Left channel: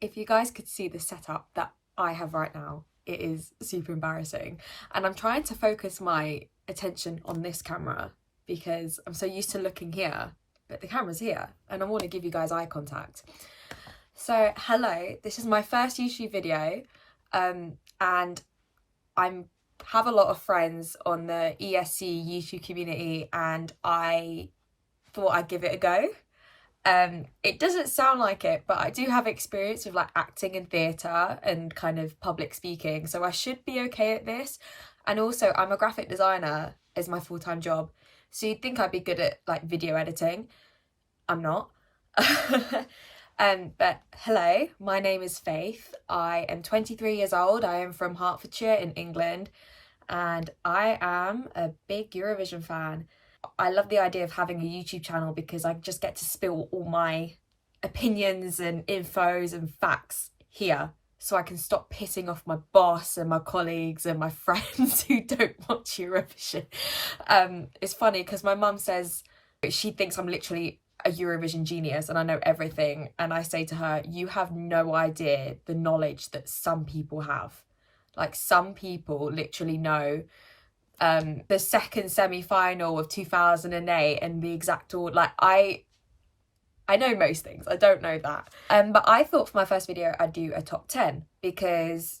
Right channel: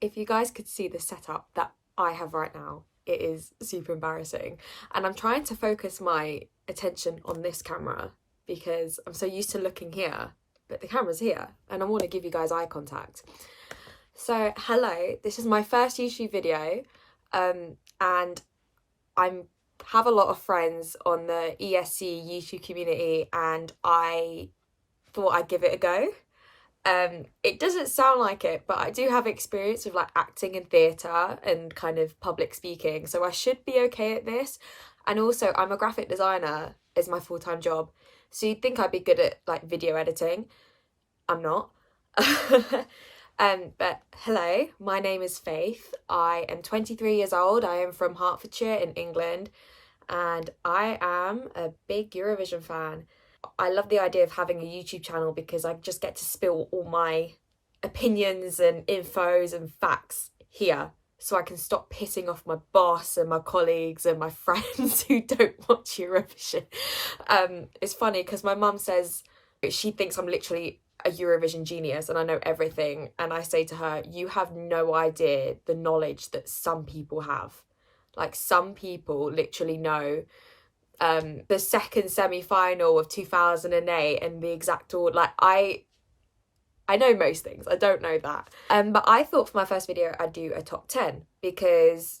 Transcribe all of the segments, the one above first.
if you guys could see the setup that I have right now, it is super embarrassing. And I'm trying to focus my attention on this camera because I'm so used to looking here, but the camera's here and I want to give you guys eye contact. So hello, this is my first YouTube video, and I have a lot of friends on the ESC YouTube community and I thought I'd give it a go. It doesn't sound like it, but I do have experience with like acting and theatre and kind of public speaking, so I should be okay at this. And also I'm a graphic designer as my full-time job, so you'd think I'd be good at like video editing. I'm not. But hello, my name is Faith. I am 23 years old. I am from Hertfordshire in England and I am a big Eurovision fan. I love the idea of having a YouTube channel because I just get to spill all my opinions and infos and facts here, so I can stop pissing off my boss and my colleagues and my friends who don't watch Eurovision. It's funny because my mum says she thinks I'm literally a Eurovision genius and I know everything, and I say to her, you have no idea the knowledge that some people have. Like, some people literally know the second semi-final of 2008 and the exact order. Like, I know most things, I don't know that. But I thought for my first video I'd do a top 10 because,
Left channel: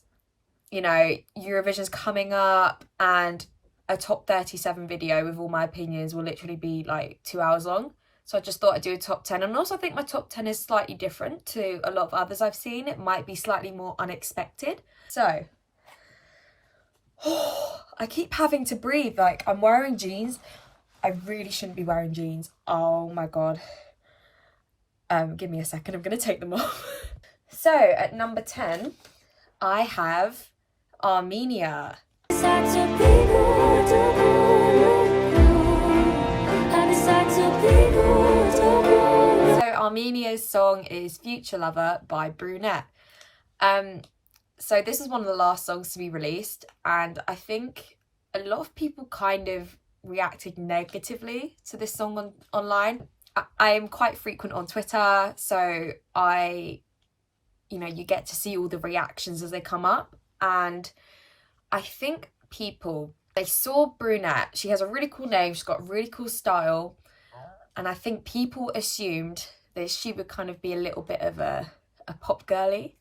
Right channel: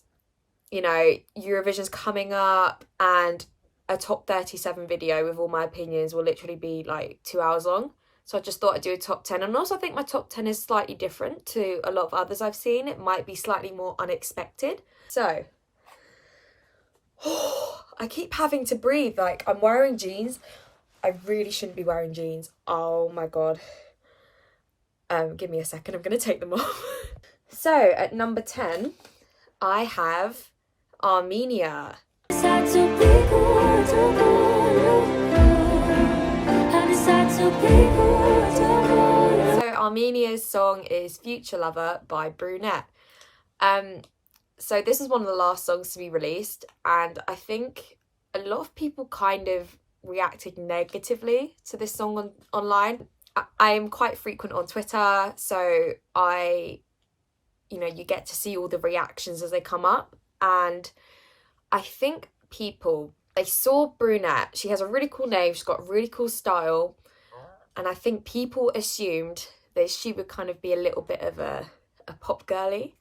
you know, Eurovision's coming up and a top 37 video with all my opinions will literally be like 2 hours long. So I just thought I'd do a top 10. And also I think my top 10 is slightly different to a lot of others I've seen. It might be slightly more unexpected. So, I keep having to breathe. Like, I'm wearing jeans. I really shouldn't be wearing jeans. Oh my God. Give me a second. I'm going to take them off. So, at number 10, I have Armenia. So Armenia's song is Future Lover by Brunette. So this is one of the last songs to be released, and I think a lot of people kind of reacted negatively to this song online. I am quite frequent on Twitter, so you get to see all the reactions as they come up, and I think people, they saw Brunette. She has a really cool name, she's got a really cool style, and I think people assumed that she would kind of be a little bit of a pop girly.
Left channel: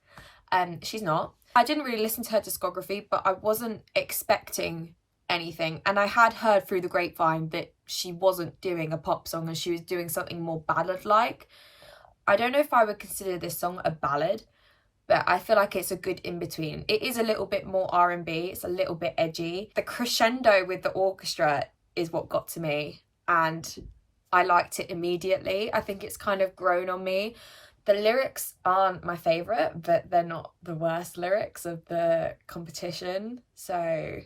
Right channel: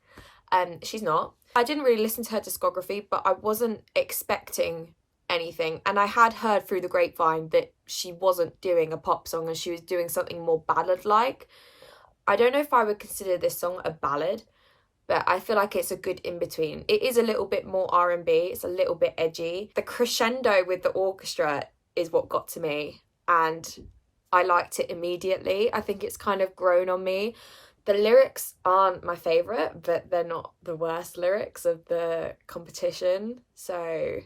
She's not. I didn't really listen to her discography, but I wasn't expecting anything. And I had heard through the grapevine that she wasn't doing a pop song and she was doing something more ballad-like. I don't know if I would consider this song a ballad, but I feel like it's a good in-between. It is a little bit more R&B, it's a little bit edgy. The crescendo with the orchestra is what got to me, and I liked it immediately. I think it's kind of grown on me. The lyrics aren't my favourite, but they're not the worst lyrics of the competition, so...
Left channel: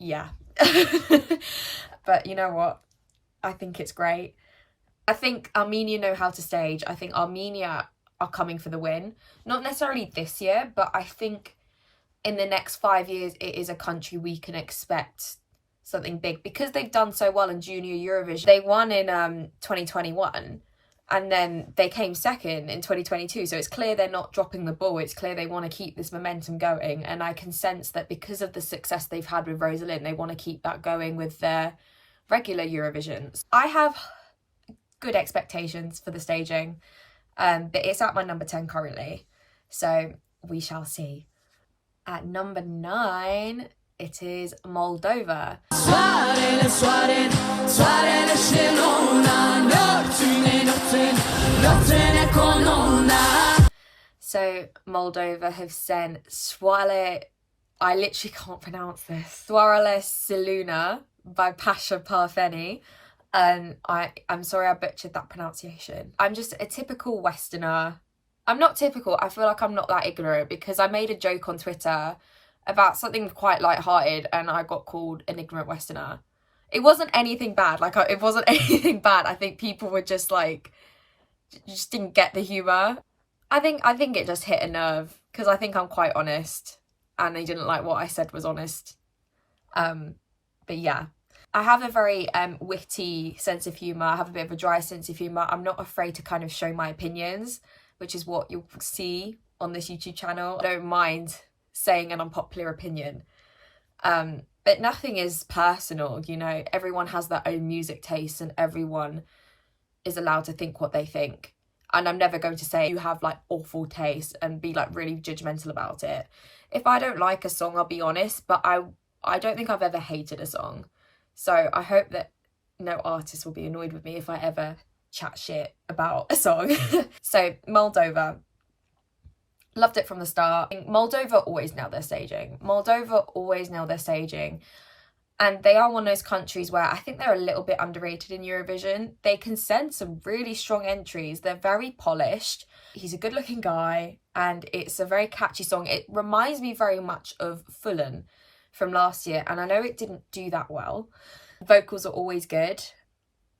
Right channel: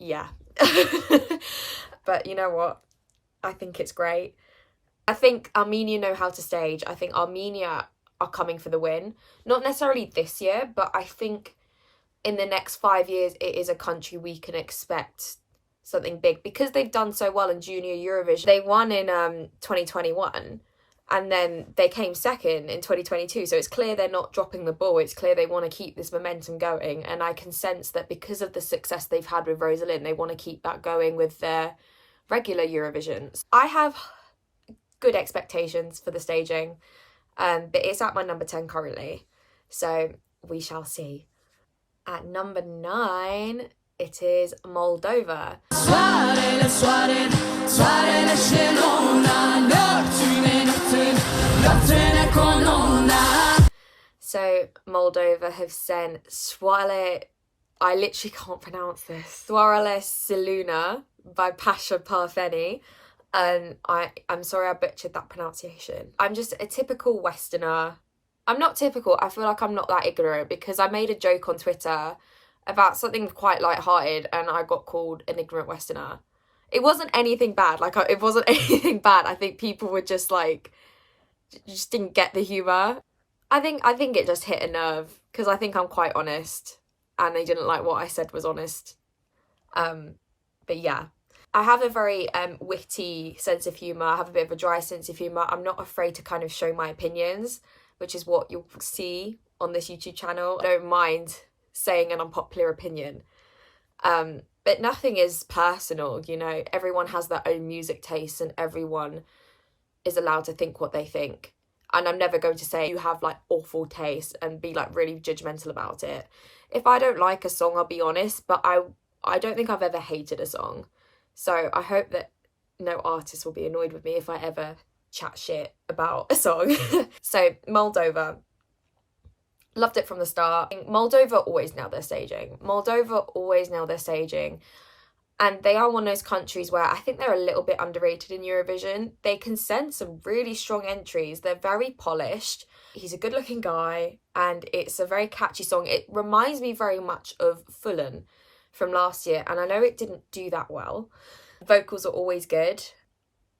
yeah. But you know what? I think it's great. I think Armenia know how to stage. I think Armenia are coming for the win. Not necessarily this year, but I think in the next 5 years, it is a country we can expect something big because they've done so well in Junior Eurovision. They won in 2021 and then they came second in 2022. So it's clear they're not dropping the ball. It's clear they want to keep this momentum going. And I can sense that because of the success they've had with Rosalind, they want to keep that going with their regular Eurovisions. I have good expectations for the staging, but it's at my number 10 currently. So we shall see. At number 9, it is Moldova. So Moldova have sent Soarele, I literally can't pronounce this, Soarele Siluna by Pasha Parfeni. And I'm sorry I butchered that pronunciation. I'm just a typical Westerner. I'm not typical, I feel like I'm not that ignorant because I made a joke on Twitter about something quite light-hearted and I got called an ignorant Westerner. It wasn't anything bad, it wasn't anything bad. I think people were just like, just didn't get the humour. I think it just hit a nerve because I think I'm quite honest and they didn't like what I said was honest. But yeah. I have a very witty sense of humour. I have a bit of a dry sense of humour. I'm not afraid to kind of show my opinions, which is what you'll see on this YouTube channel. I don't mind saying an unpopular opinion. But nothing is personal, you know. Everyone has their own music taste and everyone is allowed to think what they think. And I'm never going to say you have like awful taste and be like really judgmental about it. If I don't like a song, I'll be honest, but I don't think I've ever hated a song. So I hope that no artist will be annoyed with me if I ever chat shit about a song. So Moldova. Loved it from the start. Moldova always nail their staging. And they are one of those countries where I think they're a little bit underrated in Eurovision. They can send some really strong entries. They're very polished. He's a good looking guy and it's a very catchy song. It reminds me very much of Finland from last year. And I know it didn't do that well. Vocals are always good.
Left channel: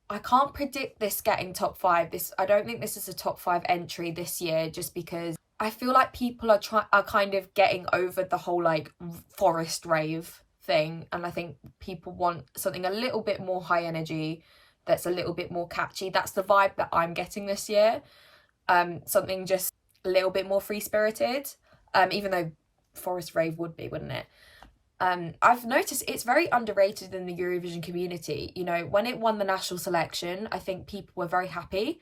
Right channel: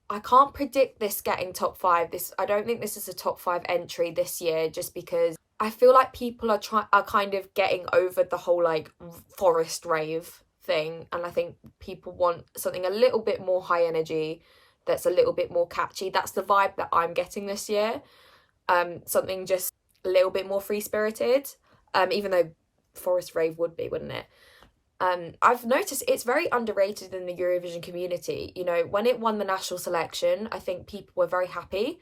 I can't predict this getting top 5. I don't think this is a top 5 entry this year just because I feel like people are kind of getting over the whole like forest rave thing, and I think people want something a little bit more high energy that's a little bit more catchy. That's the vibe that I'm getting this year. Something just a little bit more free-spirited, even though forest rave would be, wouldn't it? I've noticed it's very underrated in the Eurovision community. You know, when it won the national selection, I think people were very happy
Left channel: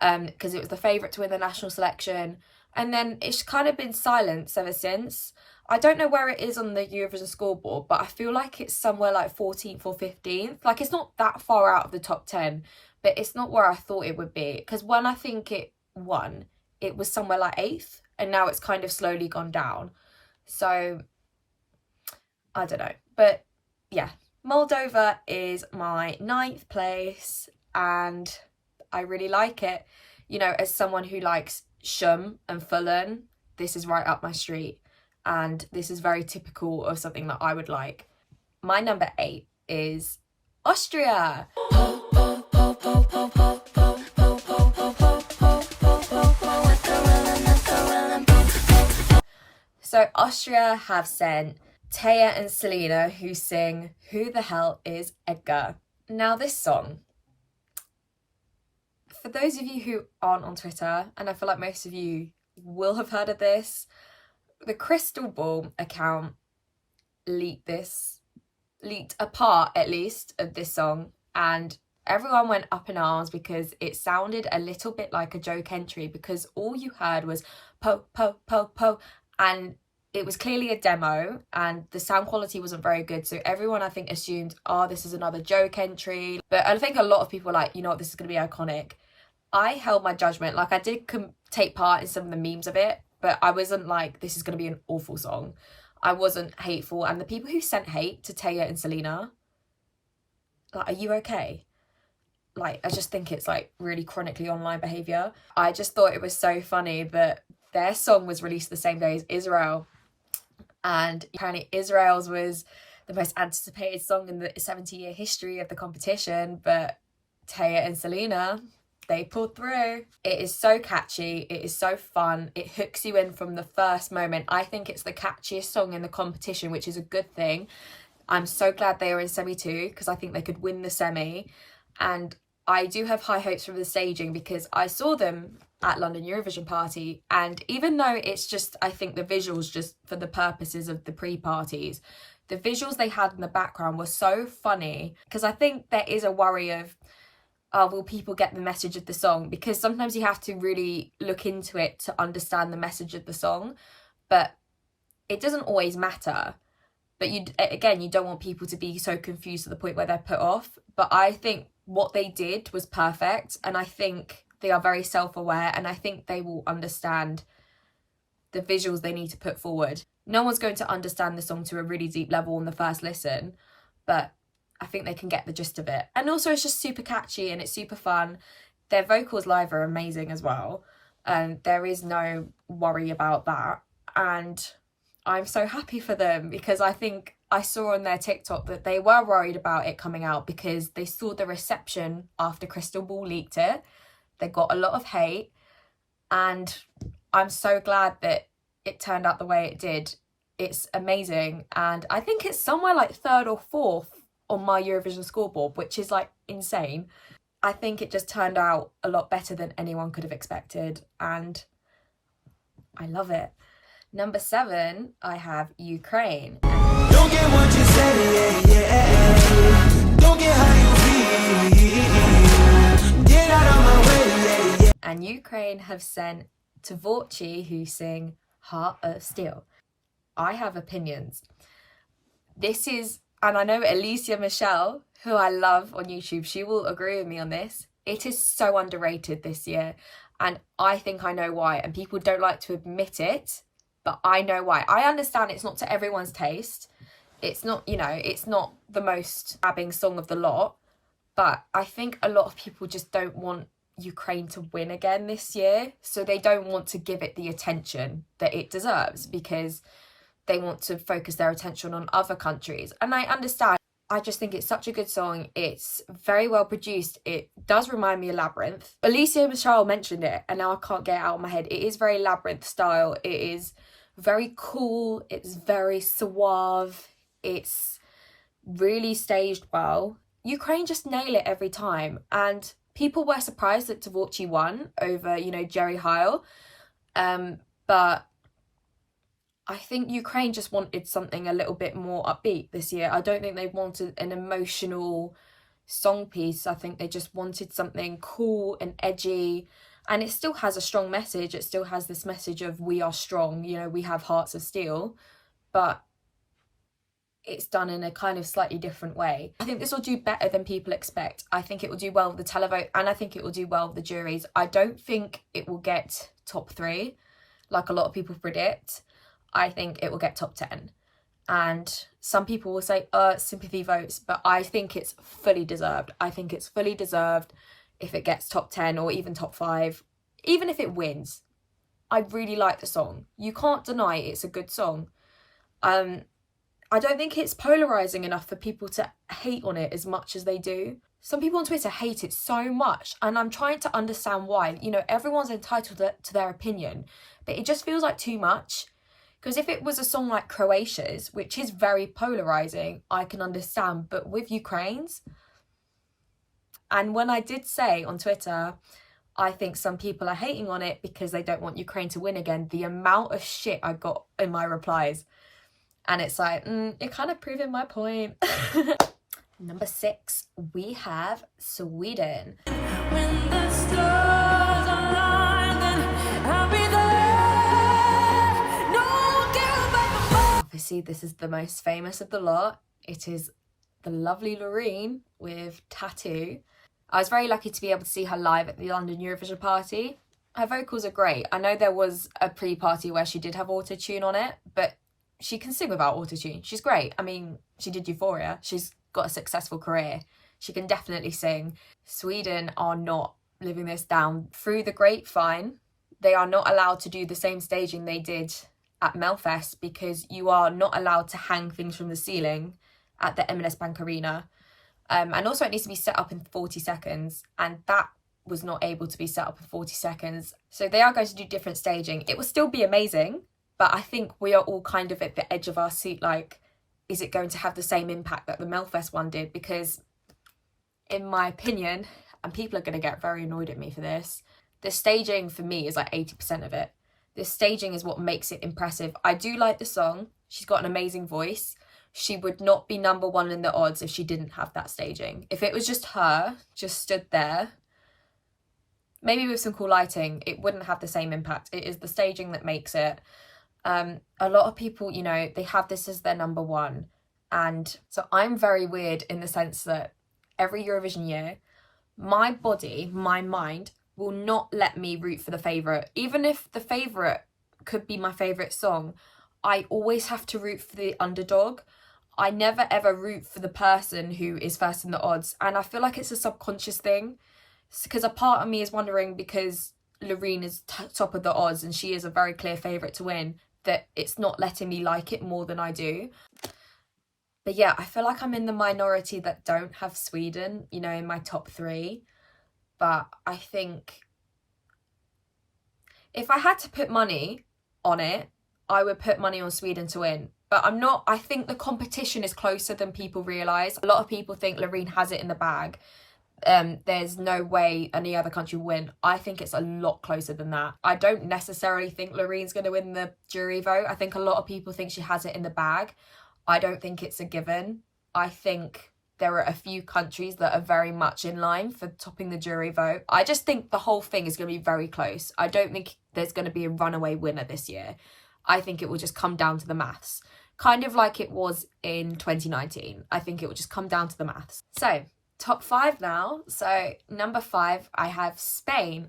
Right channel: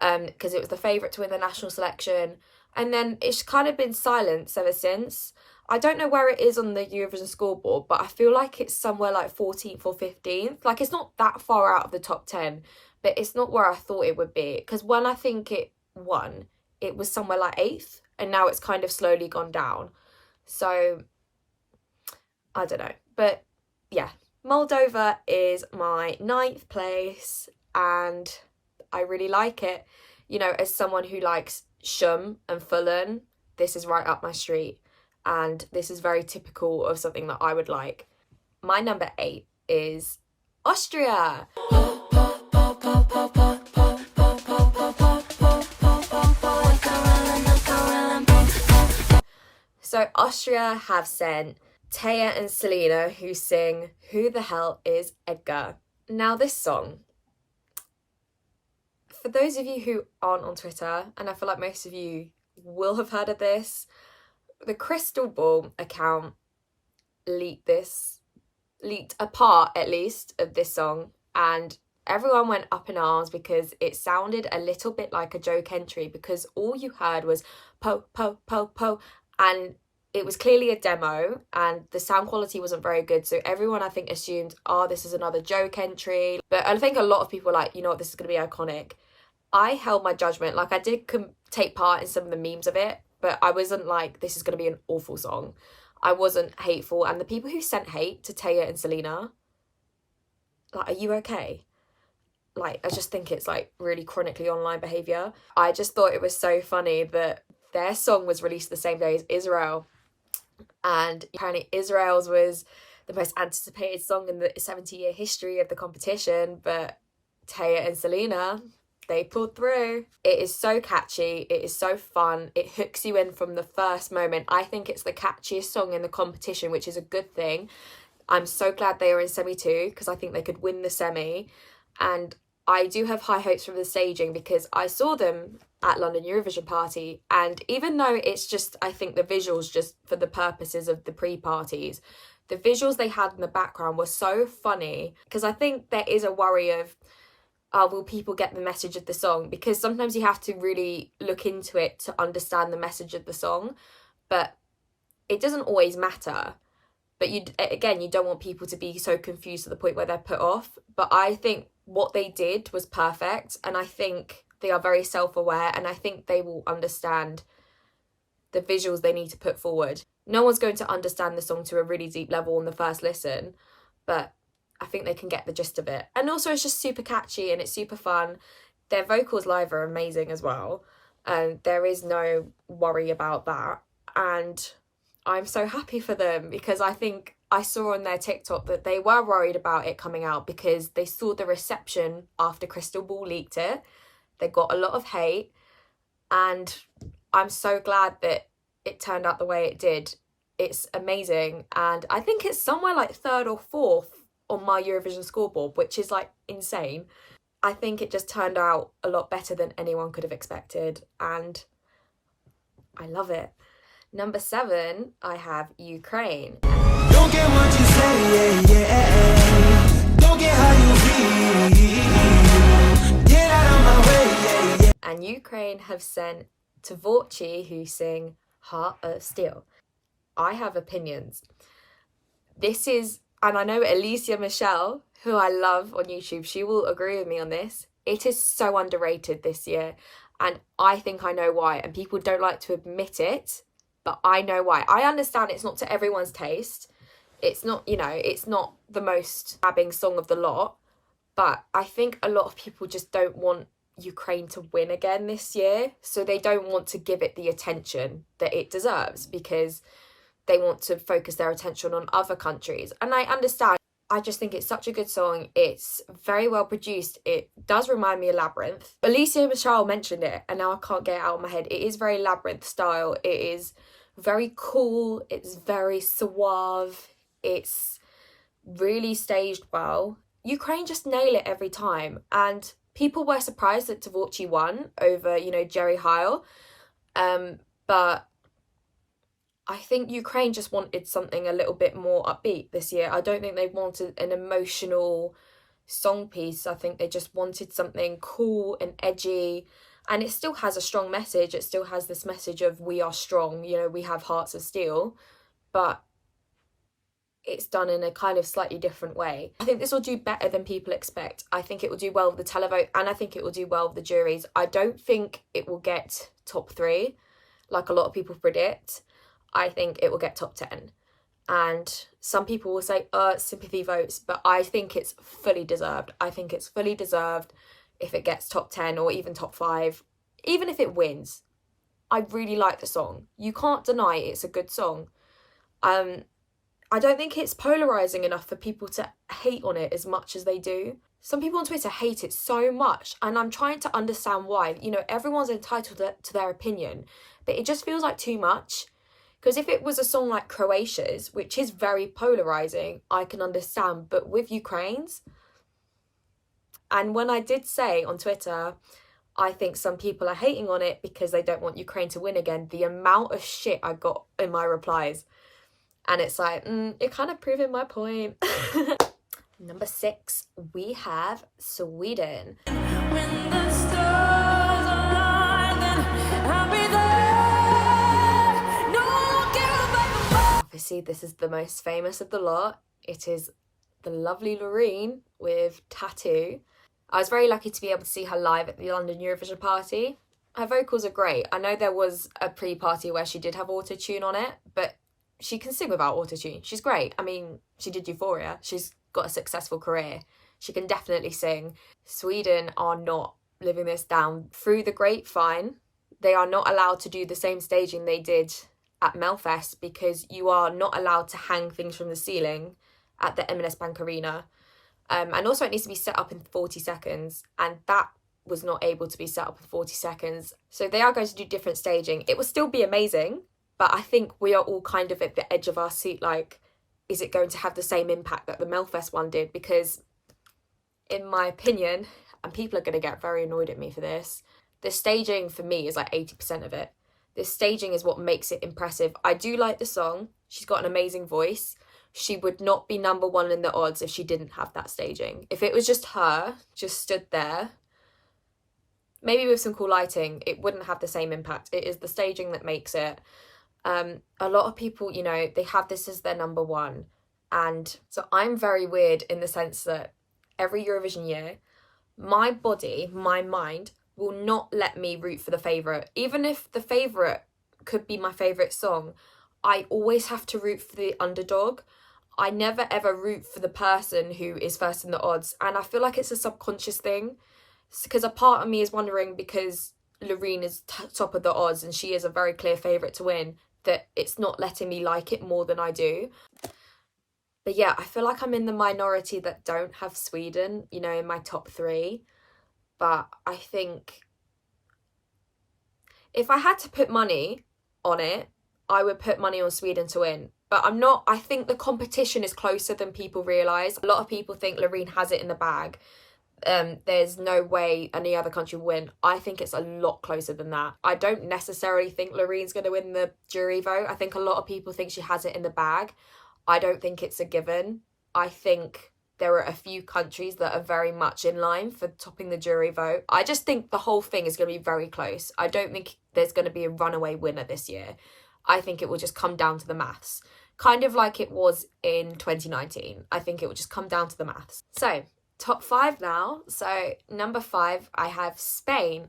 because it was the favourite to win the national selection. And then it's kind of been silence ever since. I don't know where it is on the Eurovision scoreboard, but I feel like it's somewhere like 14th or 15th. Like, it's not that far out of the top 10, but it's not where I thought it would be. Because when I think it won, it was somewhere like 8th, and now it's kind of slowly gone down. So, I don't know. But, yeah, Moldova is my 9th place, and I really like it. You know, as someone who likes Shum and Fulham, this is right up my street, and this is very typical of something that I would like. My number 8 is Austria. So Austria have sent Taya and Selena, who sing Who the Hell is Edgar? Now this song, for those of you who aren't on Twitter, and I feel like most of you will have heard of this, the Crystal Ball account leaked a part at least of this song, and everyone went up in arms because it sounded a little bit like a joke entry, because all you heard was po, po, po, po, and it was clearly a demo and the sound quality wasn't very good. So everyone, I think, assumed, oh, this is another joke entry. But I think a lot of people were like, you know what, this is going to be iconic. I held my judgment. Like, I did take part in some of the memes of it, but I wasn't like, this is going to be an awful song. I wasn't hateful. And the people who sent hate to Taya and Selena, like, are you okay? Like, I just think it's like really chronically online behaviour. I just thought it was so funny that their song was released the same day as Israel. And apparently Israel's was the most anticipated song in the 70-year history of the competition, but Taya and Selena, they pulled through. It is so catchy, it is so fun, it hooks you in from the first moment. I think it's the catchiest song in the competition, which is a good thing. I'm so glad they are in semi-2 because I think they could win the semi, and I do have high hopes from the staging because I saw them at London Eurovision Party, and even though it's just, I think the visuals, just for the purposes of the pre-parties, the visuals they had in the background were so funny, because I think there is a worry of, will people get the message of the song? Because sometimes you have to really look into it to understand the message of the song, but it doesn't always matter. But you don't want people to be so confused to the point where they're put off. But I think what they did was perfect, and I think they are very self-aware, and I think they will understand the visuals they need to put forward. No one's going to understand the song to a really deep level on the first listen, but I think they can get the gist of it. And also it's just super catchy and it's super fun. Their vocals live are amazing as well, and there is no worry about that. And I'm so happy for them, because I think I saw on their TikTok that they were worried about it coming out because they saw the reception after Crystal Ball leaked it. They got a lot of hate, and I'm so glad that it turned out the way it did. It's amazing, and I think it's somewhere like 3rd or 4th on my Eurovision scoreboard, which is like insane. I think it just turned out a lot better than anyone could have expected, and I love it. Number 7, I have Ukraine. Don't get what you say, yeah. Don't get how you feel. Get out of my way, yeah. And Ukraine have sent Tvorchi, who sing Heart of Steel. I have opinions. This is, and I know Alicia Michelle, who I love on YouTube, she will agree with me on this. It is so underrated this year, and I think I know why, and people don't like to admit it, but I know why. I understand it's not to everyone's taste. It's not, you know, it's not the most stabbing song of the lot, but I think a lot of people just don't want Ukraine to win again this year, so they don't want to give it the attention that it deserves because they want to focus their attention on other countries. And I understand. I just think it's such a good song. It's very well produced. It does remind me of Labyrinth. Alicia Michelle mentioned it, and now I can't get it out of my head. It is very Labyrinth style. It is very cool. It's very suave. It's really staged well. Ukraine just nail it every time. And people were surprised that Tvorchi won over, you know, Jerry Heil. But I think Ukraine just wanted something a little bit more upbeat this year. I don't think they wanted an emotional song piece. I think they just wanted something cool and edgy. And it still has a strong message. It still has this message of we are strong, you know, we have hearts of steel. But it's done in a kind of slightly different way. I think this will do better than people expect. I think it will do well with the televote, and I think it will do well with the juries. I don't think it will get top 3, like a lot of people predict. I think it will get top 10. And some people will say, sympathy votes, but I think it's fully deserved. I think it's fully deserved if it gets top 10 or even top 5, even if it wins. I really like the song. You can't deny it's a good song. I don't think it's polarising enough for people to hate on it as much as they do. Some people on Twitter hate it so much, and I'm trying to understand why. You know, everyone's entitled to their opinion, but it just feels like too much. Because if it was a song like Croatia's, which is very polarising, I can understand. But with Ukraine's, and when I did say on Twitter, I think some people are hating on it because they don't want Ukraine to win again, the amount of shit I got in my replies. And it's like, it kind of proving my point. Number 6, we have Sweden. When the stars align, then I'll be there. Obviously, this is the most famous of the lot. It is the lovely Loreen with Tattoo. I was very lucky to be able to see her live at the London Eurovision party. Her vocals are great. I know there was a pre-party where she did have autotune on it, but she can sing without autotune. She's great. I mean, she did Euphoria. She's got a successful career. She can definitely sing. Sweden are not living this down. Through the grapevine, they are not allowed to do the same staging they did at Melfest because you are not allowed to hang things from the ceiling at the M&S Bank Arena. And also it needs to be set up in 40 seconds. And that was not able to be set up in 40 seconds. So they are going to do different staging. It will still be amazing. But I think we are all kind of at the edge of our seat, like, is it going to have the same impact that the Melfest one did? Because in my opinion, and people are going to get very annoyed at me for this, the staging for me is like 80% of it. The staging is what makes it impressive. I do like the song. She's got an amazing voice. She would not be number 1 in the odds if she didn't have that staging. If it was just her, just stood there, maybe with some cool lighting, it wouldn't have the same impact. It is the staging that makes it. A lot of people, you know, they have this as their number 1. And so I'm very weird in the sense that every Eurovision year, my body, my mind will not let me root for the favourite. Even if the favourite could be my favourite song, I always have to root for the underdog. I never ever root for the person who is first in the odds. And I feel like it's a subconscious thing. Because a part of me is wondering, because Loreen is top of the odds and she is a very clear favourite to win, that it's not letting me like it more than I do. But yeah, I feel like I'm in the minority that don't have Sweden, you know, in my top 3. But I think if I had to put money on it, I would put money on Sweden to win. but I think the competition is closer than people realise. A lot of people think Loreen has it in the bag. There's no way any other country will win. I think it's a lot closer than that. I don't necessarily think Loreen's going to win the jury vote. I think a lot of people think she has it in the bag. I don't think it's a given. I think there are a few countries that are very much in line for topping the jury vote. I just think the whole thing is going to be very close. I don't think there's going to be a runaway winner this year. I think it will just come down to the maths. Kind of like it was in 2019. I think it will just come down to the maths. So, top 5 now. So, number 5, I have Spain.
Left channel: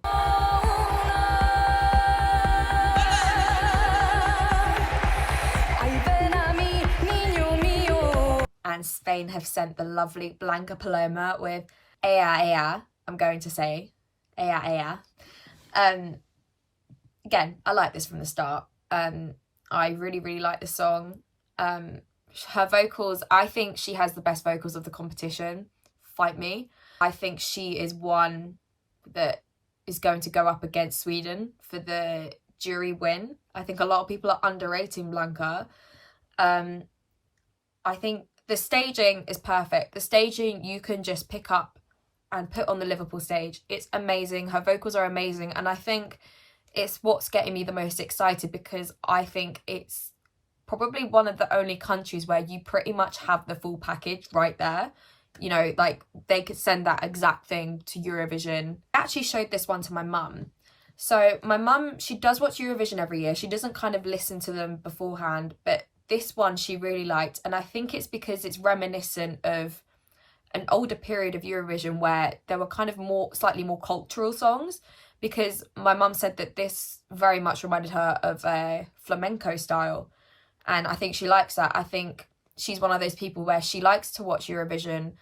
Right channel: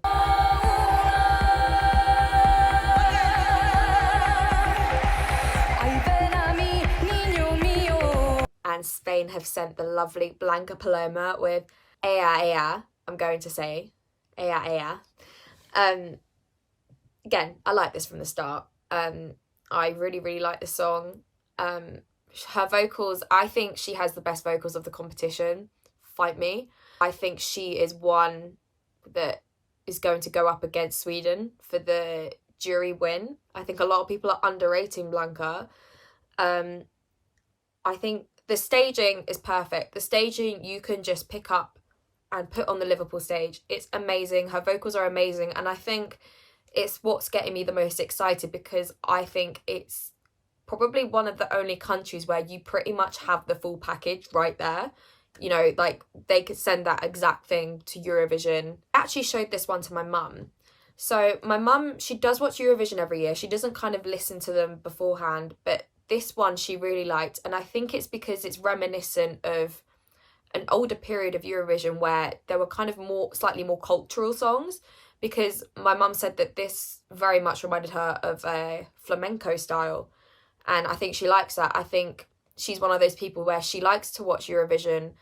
And Spain have sent the lovely Blanca Paloma with Ea Ea, I'm going to say. Ea Ea. Again, I like this from the start. I really like this song. Her vocals, I think she has the best vocals of the competition. Fight me. I think she is one that is going to go up against Sweden for the jury win. I think a lot of people are underrating Blanca. I think the staging is perfect. The staging you can just pick up and put on the Liverpool stage. It's amazing. Her vocals are amazing. And I think it's what's getting me the most excited, because I think it's probably one of the only countries where you pretty much have the full package right there. You know, like they could send that exact thing to Eurovision. I actually showed this one to my mum. So my mum, she does watch Eurovision every year. She doesn't kind of listen to them beforehand, but this one she really liked, and I think it's because it's reminiscent of an older period of Eurovision where there were kind of slightly more cultural songs, because my mum said that this very much reminded her of a flamenco style, and I think she likes that. I think she's one of those people where she likes to watch Eurovision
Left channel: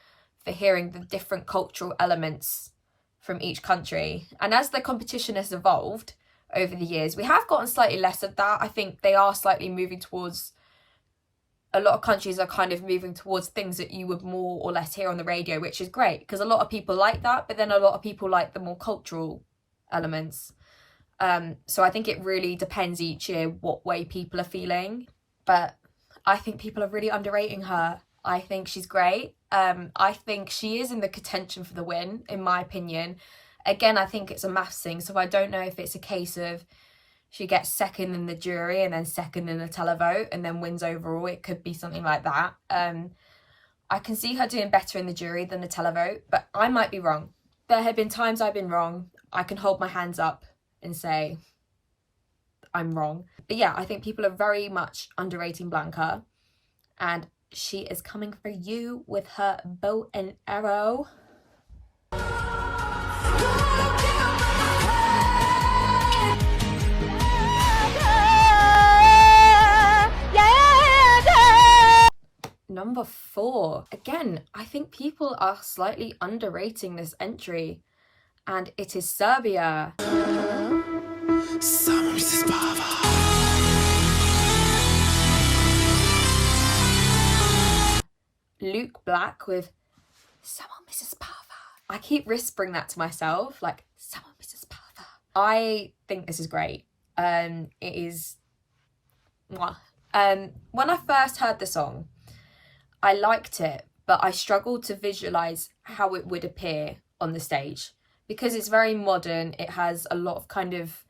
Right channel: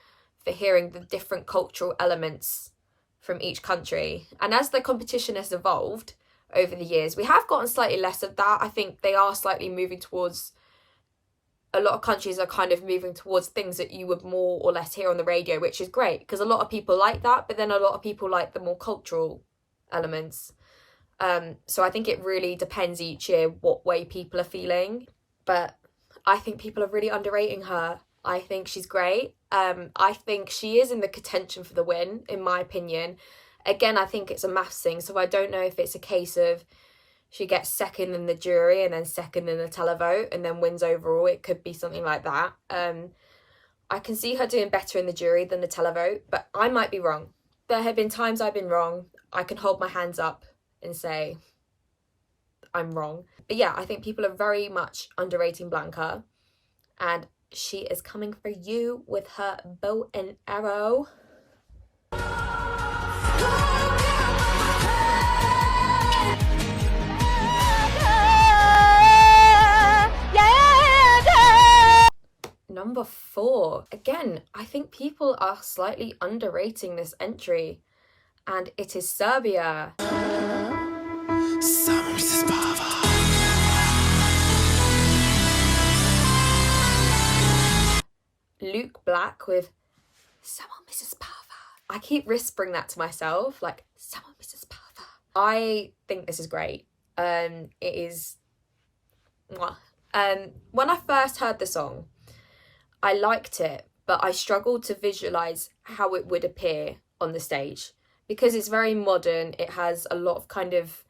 for hearing the different cultural elements from each country. And as the competition has evolved over the years, we have gotten slightly less of that. I think they are slightly moving towards, a lot of countries are kind of moving towards things that you would more or less hear on the radio, which is great because a lot of people like that, but then a lot of people like the more cultural elements. So I think it really depends each year what way people are feeling, but I think people are really underrating her. I think she's great. I think she is in the contention for the win, in my opinion. Again, I think it's a maths thing, so I don't know if it's a case of she gets second in the jury and then second in the televote and then wins overall. It could be something like that. I can see her doing better in the jury than the televote, but I might be wrong. There have been times I've been wrong. I can hold my hands up and say I'm wrong. But yeah, I think people are very much underrating Blanca, and she is coming for you with her bow and arrow. Number 4. Again, I think people are slightly underrating this entry, and it is Serbia. Samo mi se spava. Luke Black with Samo mi se spava. I keep whispering that to myself, like Samo mi se spava. I think this is great. It is. When I first heard the song, I liked it, but I struggled to visualise how it would appear on the stage because it's very modern. It has a lot of kind of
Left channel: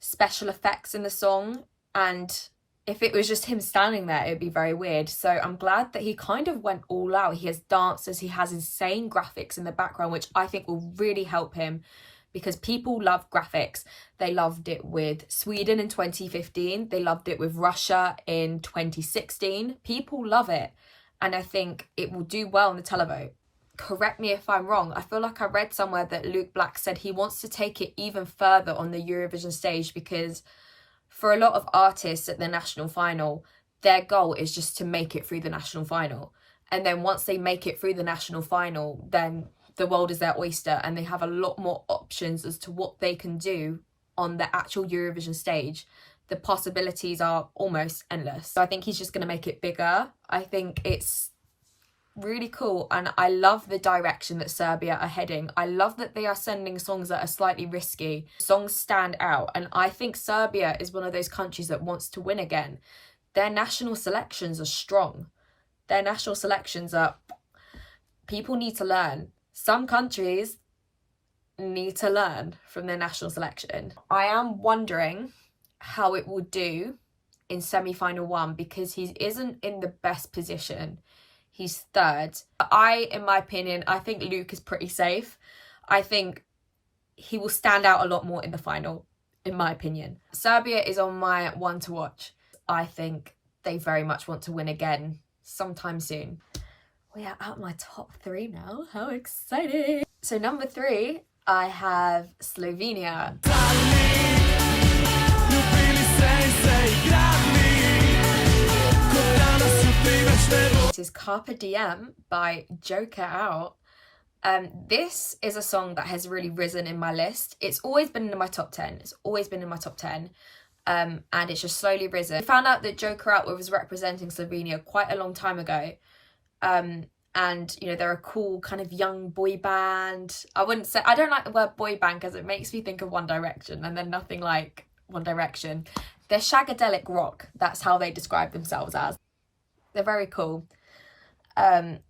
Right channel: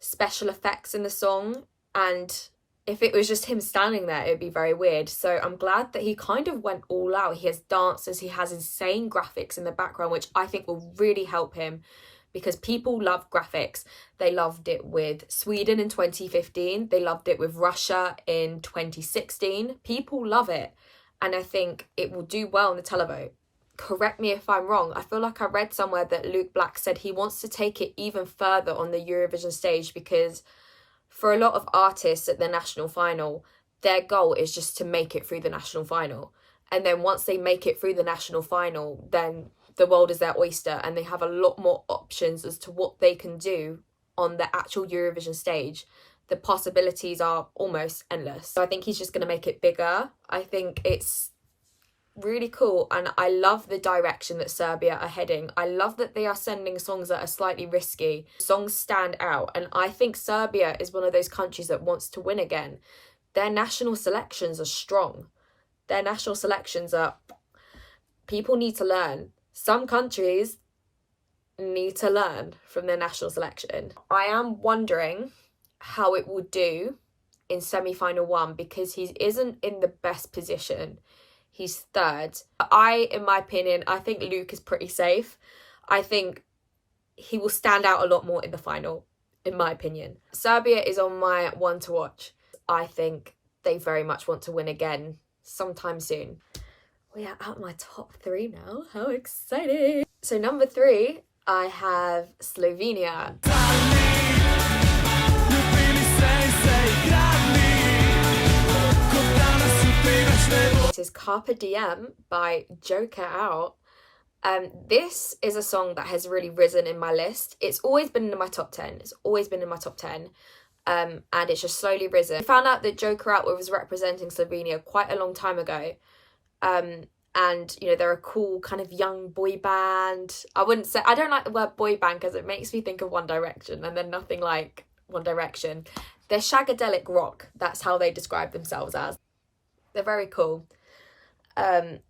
special effects in the song, and if it was just him standing there, it'd be very weird. So I'm glad that he kind of went all out. He has dancers, he has insane graphics in the background, which I think will really help him because people love graphics. They loved it with Sweden in 2015. They loved it with Russia in 2016. People love it. And I think it will do well in the televote. Correct me if I'm wrong. I feel like I read somewhere that Luke Black said he wants to take it even further on the Eurovision stage because for a lot of artists at the national final, their goal is just to make it through the national final. And then once they make it through the national final, then the world is their oyster and they have a lot more options as to what they can do on the actual Eurovision stage. The possibilities are almost endless. So I think he's just going to make it bigger. I think it's really cool, and I love the direction that Serbia are heading. I love that they are sending songs that are slightly risky. Songs stand out, and I think Serbia is one of those countries that wants to win again. their national selections are strong. Their national selections are, people need to learn. Some countries need to learn from their national selection. I am wondering how it will do in semi-final 1 because he isn't in the best position. He's third. In my opinion, I think Luke is pretty safe. I think he will stand out a lot more in the final, in my opinion. Serbia is on my one to watch. I think they very much want to win again sometime soon. We are at my top 3 now. How exciting! So number 3, I have Slovenia. It is Carpe Diem by Joker Out. This is a song that has really risen in my list. It's always been in my top 10. It's always been in my top 10. And it's just slowly risen. I found out that Joker Out was representing Slovenia quite a long time ago. And, you know, they're a cool kind of young boy band. I don't like the word boy band because it makes me think of One Direction, and they're nothing like One Direction. They're shagadelic rock. That's how they describe themselves as. They're very cool. They're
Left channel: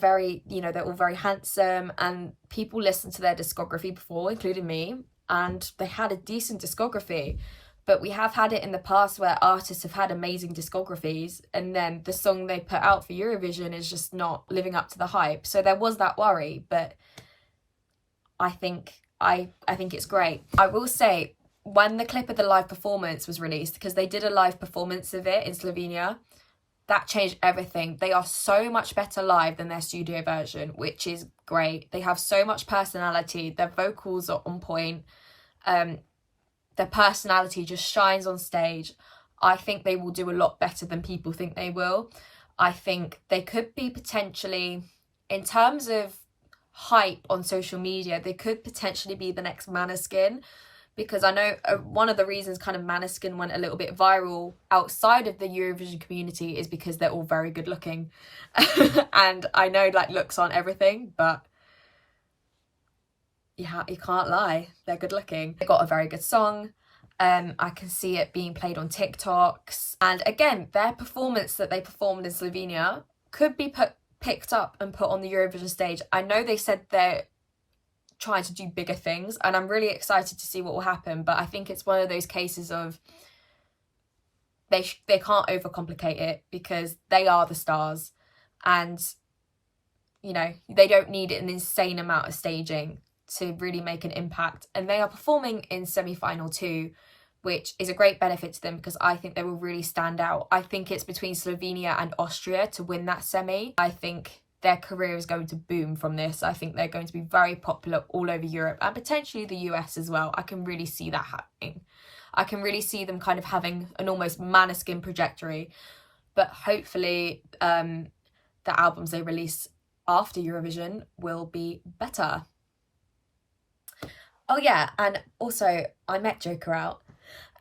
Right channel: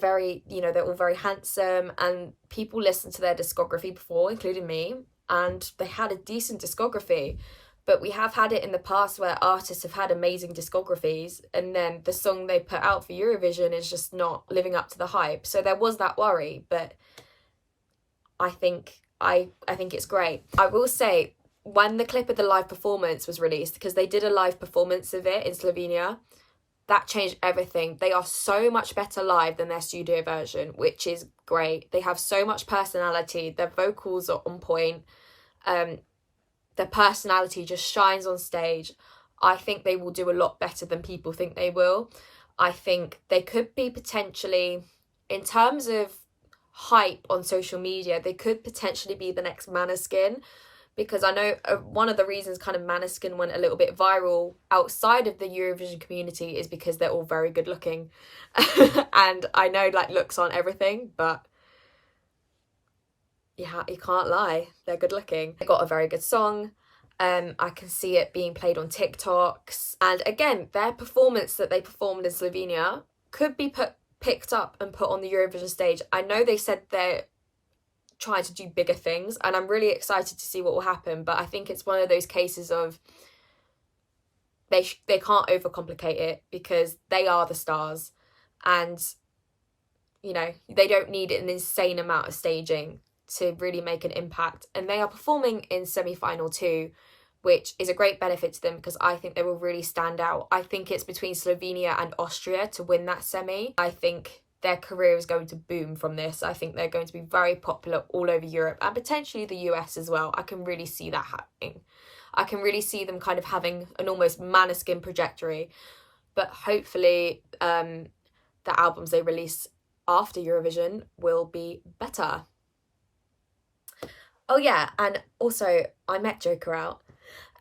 very, you know, they're all very handsome, and people listened to their discography before, including me, and they had a decent discography. But we have had it in the past where artists have had amazing discographies and then the song they put out for Eurovision is just not living up to the hype. So there was that worry, but I think it's great. I will say, when the clip of the live performance was released, because they did a live performance of it in Slovenia, that changed everything. They are so much better live than their studio version, which is great. They have so much personality. Their vocals are on point. Their personality just shines on stage. I think they will do a lot better than people think they will. I think they could be potentially, in terms of hype on social media, they could potentially be the next Maneskin, because I know one of the reasons kind of Maneskin went a little bit viral outside of the Eurovision community is because they're all very good looking. And I know like looks aren't everything, but yeah, you can't lie, they're good looking. They got a very good song. I can see it being played on TikToks. And again, their performance that they performed in Slovenia could be picked up and put on the Eurovision stage. I know they said they're trying to do bigger things, and I'm really excited to see what will happen. But I think it's one of those cases of they can't overcomplicate it because they are the stars. And, you know, they don't need an insane amount of staging to really make an impact. And they are performing in semi-final 2, which is a great benefit to them because I think they will really stand out. I think it's between Slovenia and Austria to win that semi. I think their career is going to boom from this. I think they're going to be very popular all over Europe and potentially the US as well. I can really see that happening. I can really see them kind of having an almost Maneskin trajectory. But hopefully the albums they release after Eurovision will be better. Oh yeah, and also I met Joker Out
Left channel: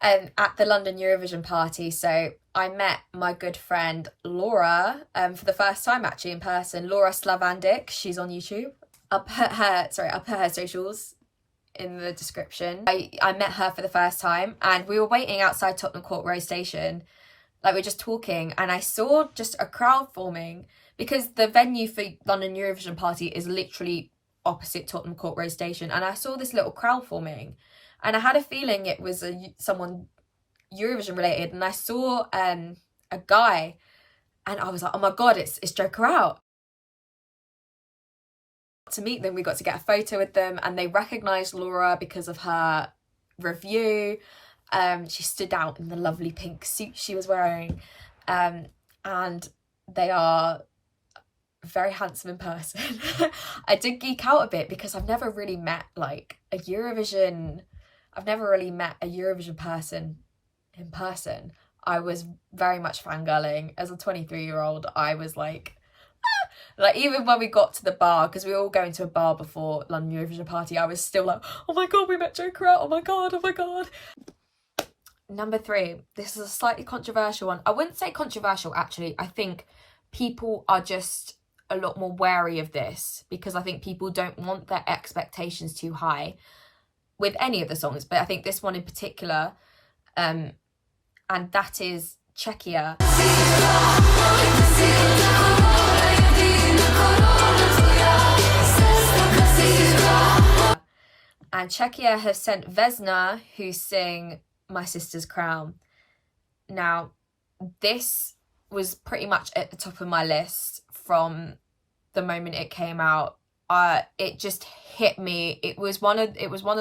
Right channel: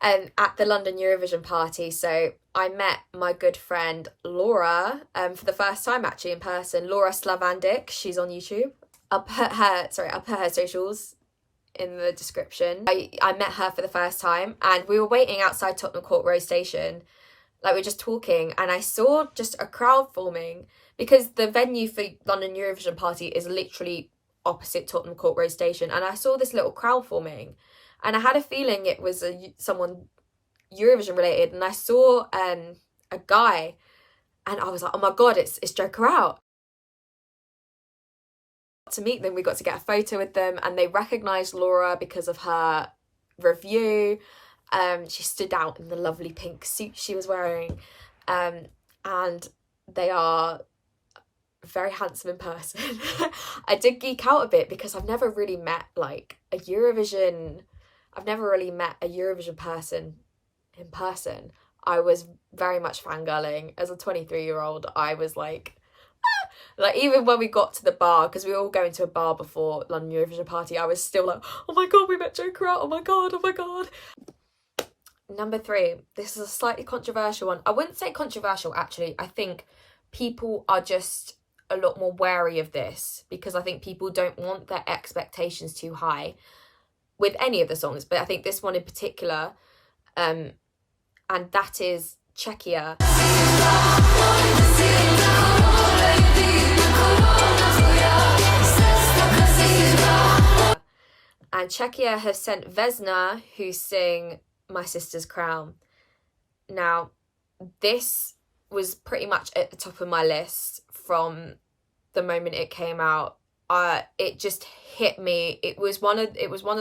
at the London Eurovision party. So I met my good friend Laura for the first time actually in person. Laura Slavandic, she's on YouTube. I'll put her socials in the description. I met her for the first time and we were waiting outside Tottenham Court Road Station. Like we were just talking and I saw just a crowd forming because the venue for London Eurovision party is literally opposite Tottenham Court Road Station, and I saw this little crowd forming and I had a feeling it was someone Eurovision related, and I saw a guy and I was like, oh my god, it's Joker Out. To meet them, we got to get a photo with them and they recognised Laura because of her review. She stood out in the lovely pink suit she was wearing, and they are very handsome in person. I did geek out a bit because I've never really met a Eurovision person in person. I was very much fangirling as a 23-year-old. I was like even when we got to the bar, because we were all going to a bar before London Eurovision party, I was still like, oh my god, we met Joker Out, oh my god. Number 3, this is a slightly controversial one. I wouldn't say controversial actually. I think people are just a lot more wary of this because I think people don't want their expectations too high with any of the songs, but I think this one in particular, and that is Czechia. And Czechia have sent Vesna, who sing My Sister's Crown. Now, this was pretty much at the top of my list from the moment it came out. It just hit me. It was one of